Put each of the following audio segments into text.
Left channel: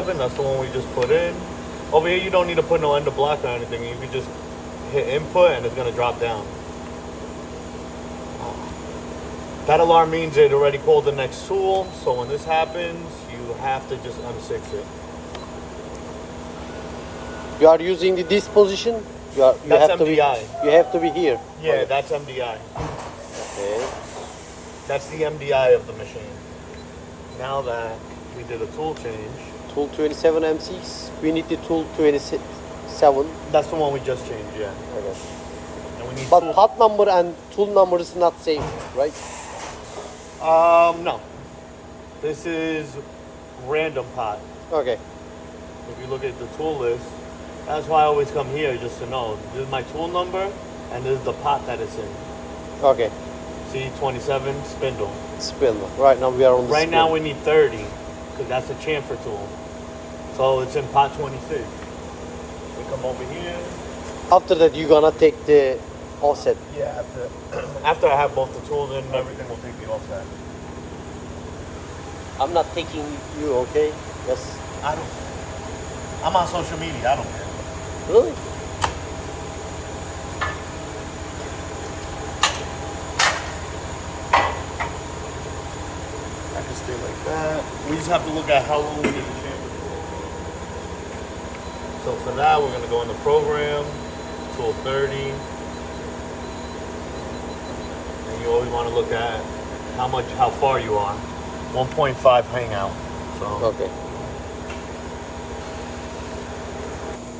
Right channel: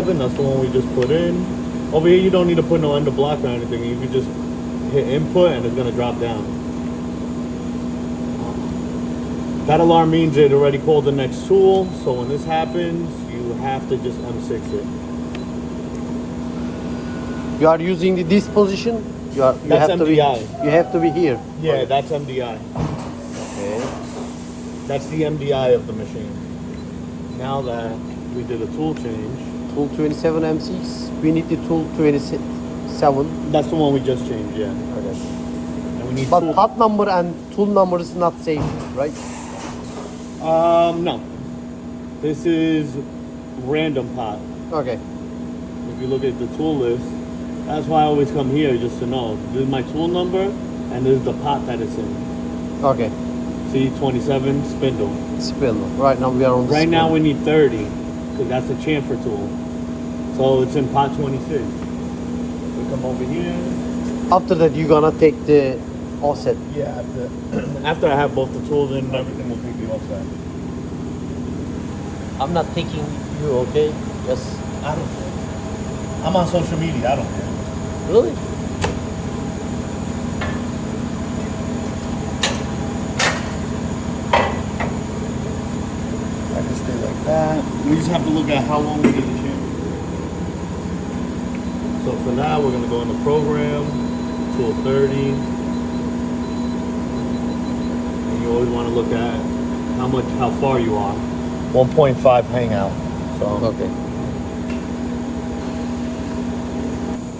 That's the one we just put in. Over here, you don't need to put no ender block or anything. You can just hit input and it's gonna drop down. That alarm means it already called the next tool. So when this happens, you have to just M6 it. You are using this position? That's MDI. You have to be here. Yeah, that's MDI. That's the MDI of the machine. Now that we did a tool change. Tool 27M6, we need the tool 27. That's the one we just changed, yeah. And we need But tool. part number and tool number is not same, right? No. This is random pot. Okay. If you look at the tool list, that's why I always come here just to know. This is my tool number and this is the pot that it's in. Okay. C27 spindle. Spindle. Right now we are on the Right now spindle. we need 30 because that's a chamfer tool. So it's in pot 26. We come over here. After that you're gonna take the offset. Yeah, after I have both the tools in and everything, we'll take the offset. I'm not taking you, okay? Just I don't care. I'm on social media, I don't care. really? I can stay like that. We just have to look at how long we need the chamfer tool. So for that, we're gonna go in the program, tool 30. And you always wanna look at how far you are. 1.5 hangout. So Okay.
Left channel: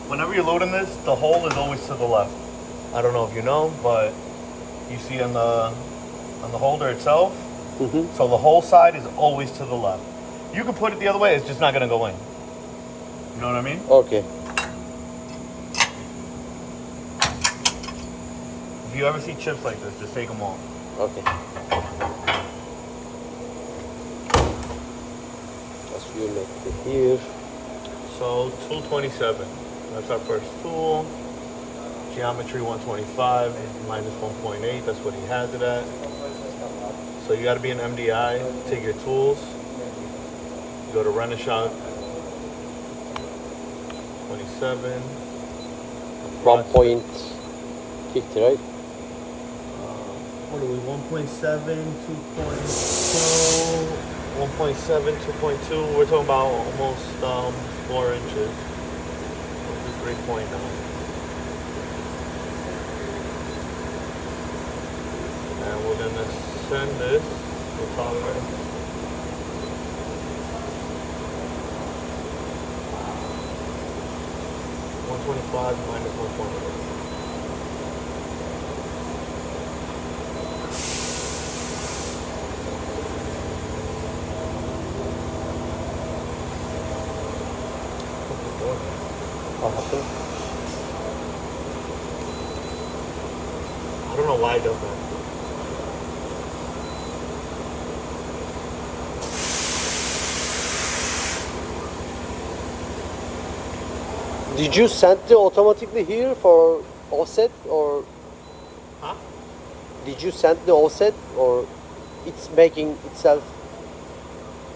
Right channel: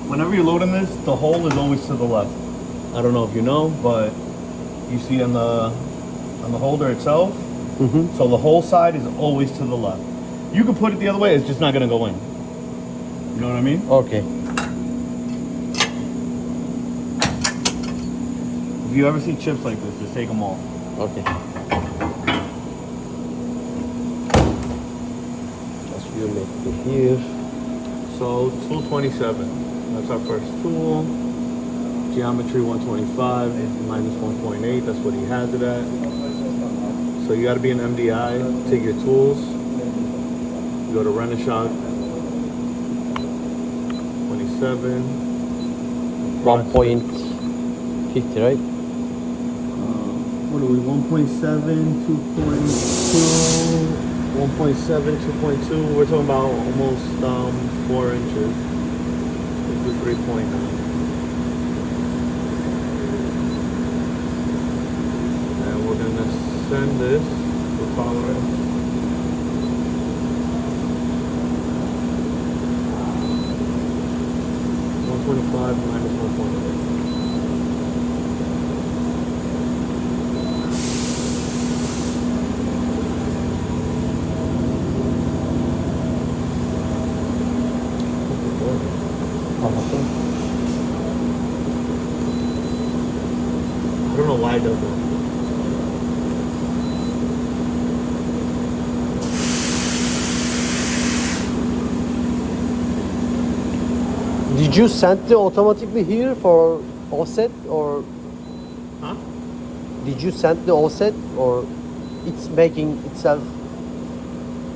whenever you're loading this, the hole is always to the left. I don't know if you know, but you see on the holder itself, so the whole side is always to the left. You can put it the other way, it's just not gonna go in. You know what I mean? Okay. If you ever see chips like this, just take them off. Okay. Just you make it here. So tool 27, that's our first tool. Geometry 125 minus 1.8, that's what he has it at. So you gotta be an MDI, take your tools, you go to Renishaw 27, 1.50, right? What are we, 1.7, 2.2, 1.7, 2.2, we're talking about almost 4 inches. We'll do 3.9. And we're gonna send this to tolerance. -125 minus 1.8. I don't know why it does that. Did you send it automatically here for offset or? Huh? Did you send the offset or it's making itself?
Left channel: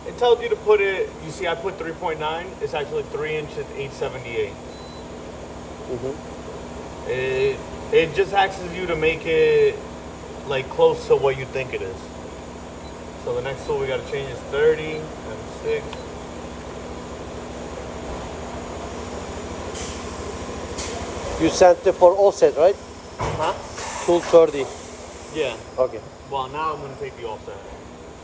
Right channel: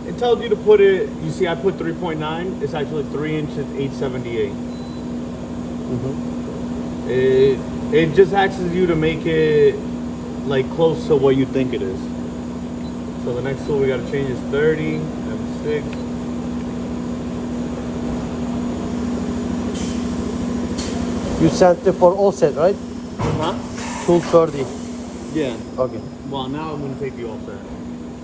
It tells you to put it, you see I put 3.9, it's actually 3 inches 878. It just asks you to make it like close to what you think it is. So the next tool we gotta change is 30, M6. You sent it for offset, right? Huh? 230. Yeah. Okay. Well, now I'm gonna take the offset.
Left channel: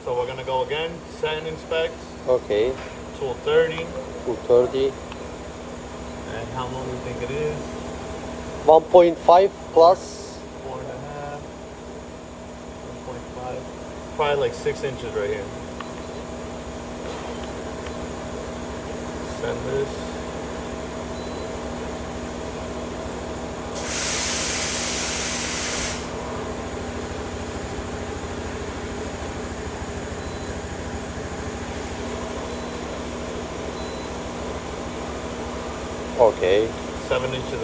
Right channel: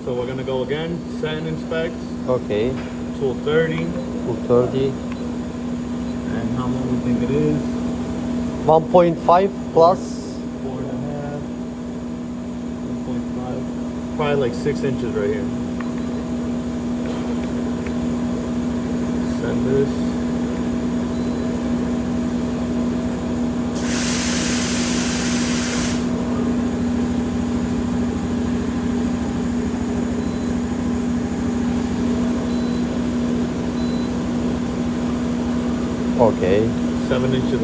So we're gonna go again, set and inspect, Okay. tool 30, 230. and how long we think it is. 1.5 plus. 4.5, 1.5, probably like 6 inches right here. Send this. Okay. 7.5 inches.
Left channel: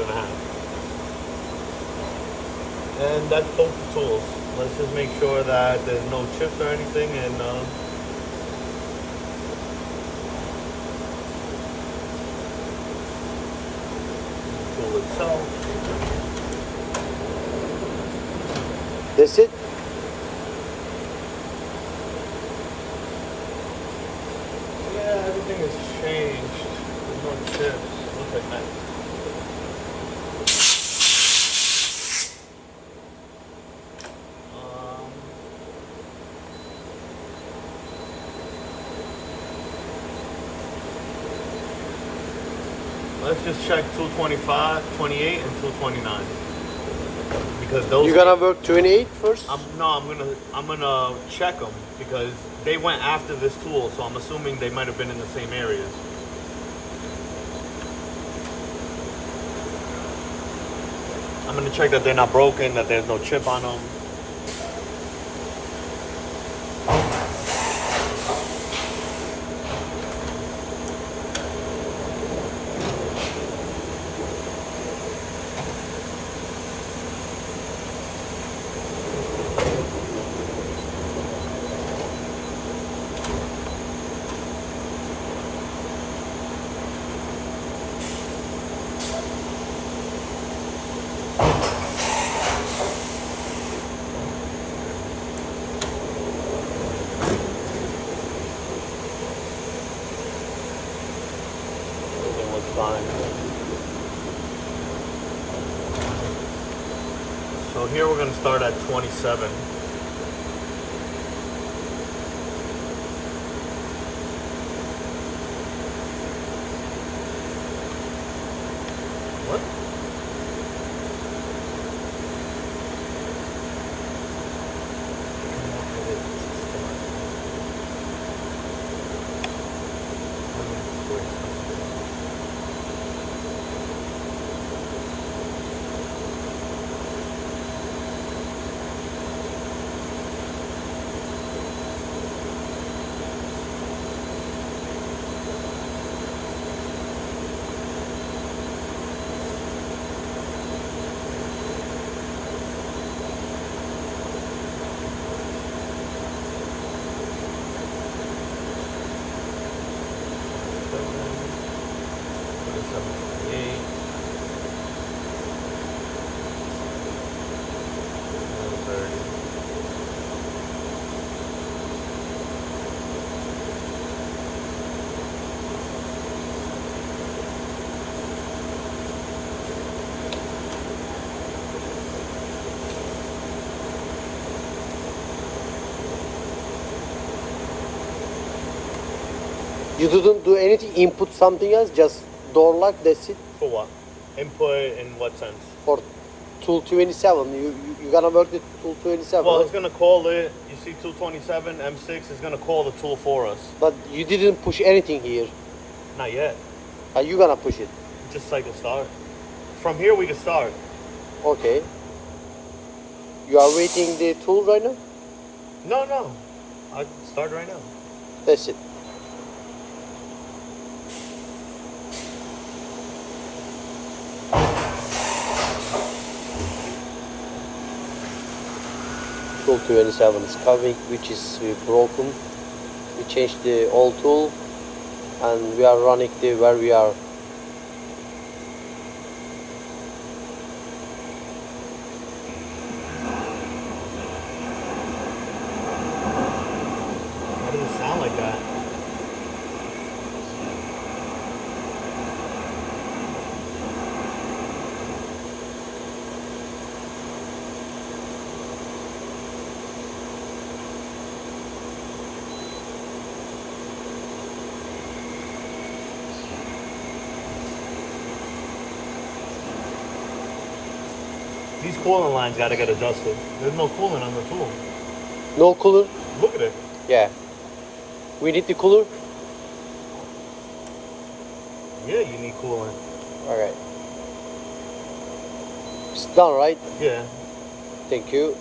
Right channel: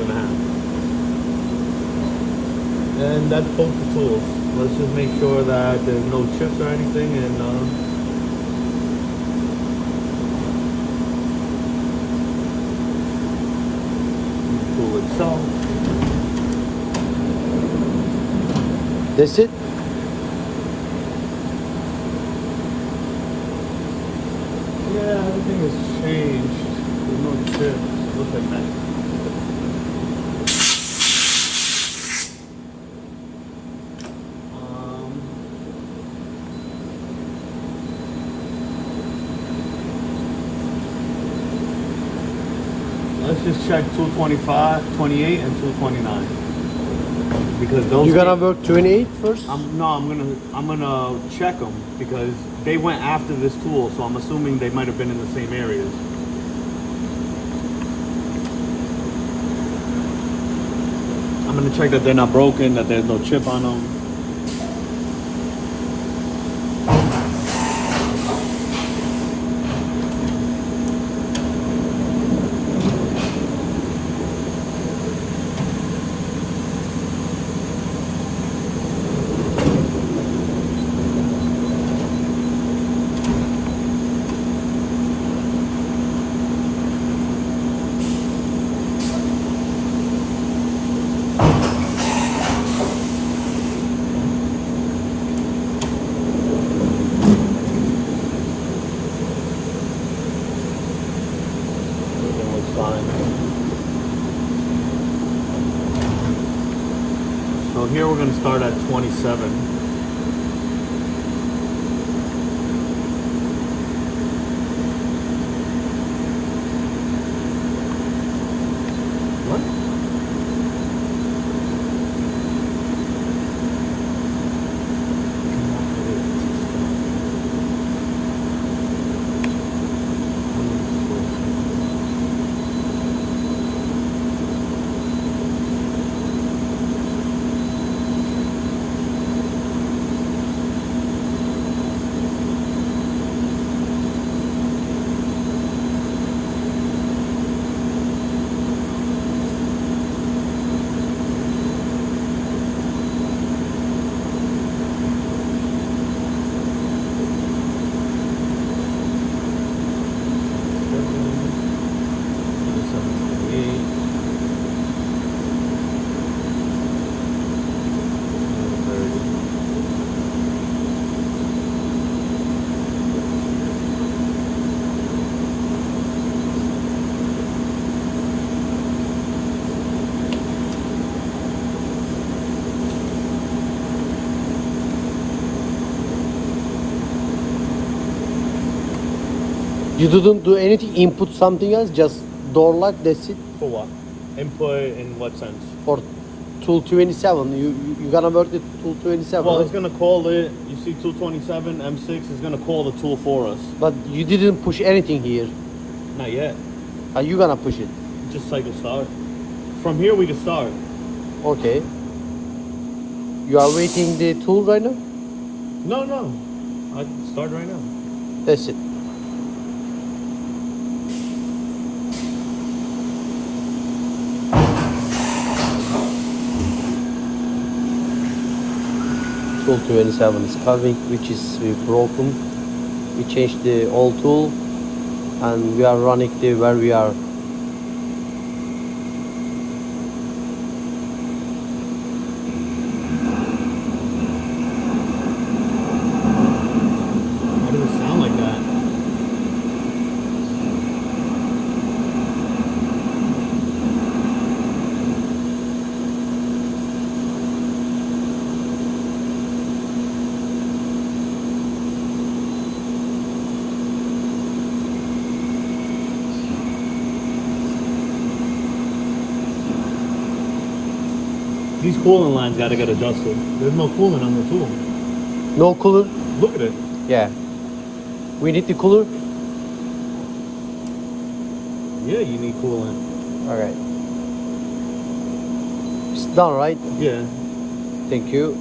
And that's both the tools. Let's just make sure that there's no chips or anything, and itself. That's it. Yeah, everything has changed. There's no chips. It looks like that. Let's just check 225, 28, and 229. Because those. You gotta work 28 first? I'm gonna check them because they went after this tool, so I'm assuming they might have been in the same areas. I'm gonna check that they're not broken, that there's no chip on them. So here we're going to start at 27. What? You didn't do anything, input something else, just door lock, that's it. For what? Input in what sense? For tool 27, you gonna work the tool 27. Well, it's gonna call it. You see, 227 M6 is gonna call the tool for us. But you didn't push anything here. Not yet. Are you gonna push it? Just cycle start. From here we can start. Okay. You are waiting the tool right now? No. I can start right now. That's it. Tool 27 is coming, which is broken. We changed the old tool and we are running the where we are. Why does it sound like that? These coolant lines got to get adjusted. There's no coolant on the tool. No cooler? Look at it. Yeah. We need the cooler? Yeah, you need coolant. Alright. It's done, right? Yeah. Thank you.